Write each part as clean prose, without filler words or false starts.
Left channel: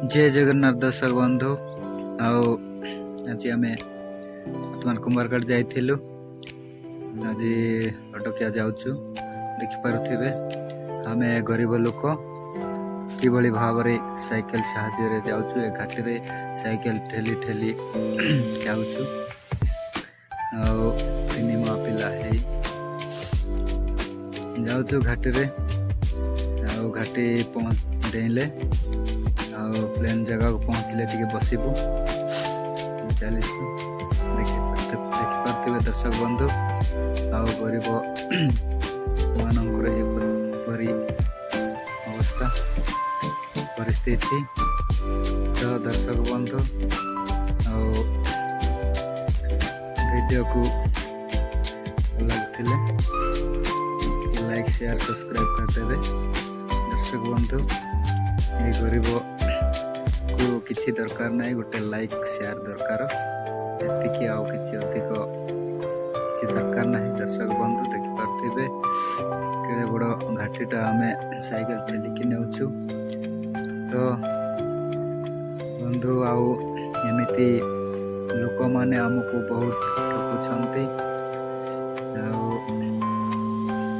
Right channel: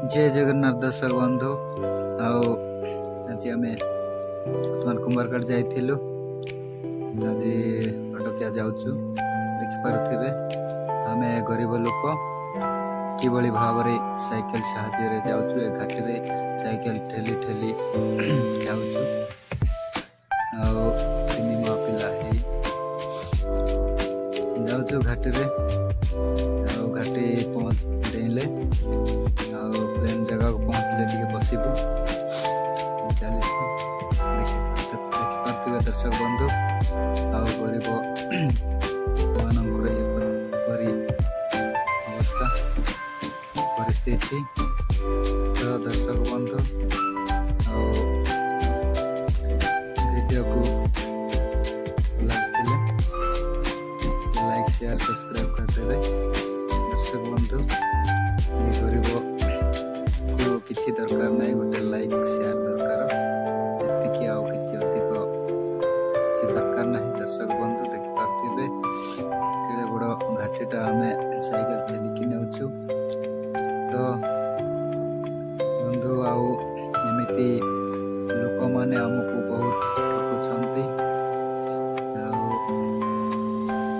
जय जगन्नाथ दर्शक बंधु आज आम बर्तमान कुंभारगढ़ जाइलु आज अटकिया जाऊँ देखिपे आम गरीब लोक कि भाव साइकेल साहाय्य जाऊँ ए घाटी रे साइकेल ठेली ठेली जाऊँ तीन माँ पिला जाऊँ घाटी रे घाटी डेले प्लेन जगह को पहुँचले टे बसबू चली देखिपे दर्शक बंधु आ गरीब मानकर एपरी अवस्था परिस्थिति तो दर्शक बंधु वीडियो को लगते लाइक शेयर सब्सक्राइब करदेवे दर्शक बंधु ये गरीब को किसी दरकार नहीं गोटे लाइक शेयर दरकार एतिकी आउ किसी अधिक किसी दरकार नहीं दर्शक बंधु देखिपे केड़े बड़ घाटीटा आम साइकेल ठेलिकी नेउछु तो बंधु आमती लोक माने आमको बहुत ठकुंट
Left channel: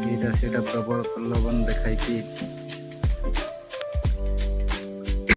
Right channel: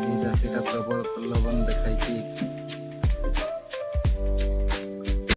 आईटा से प्रबल प्रलोभन देखा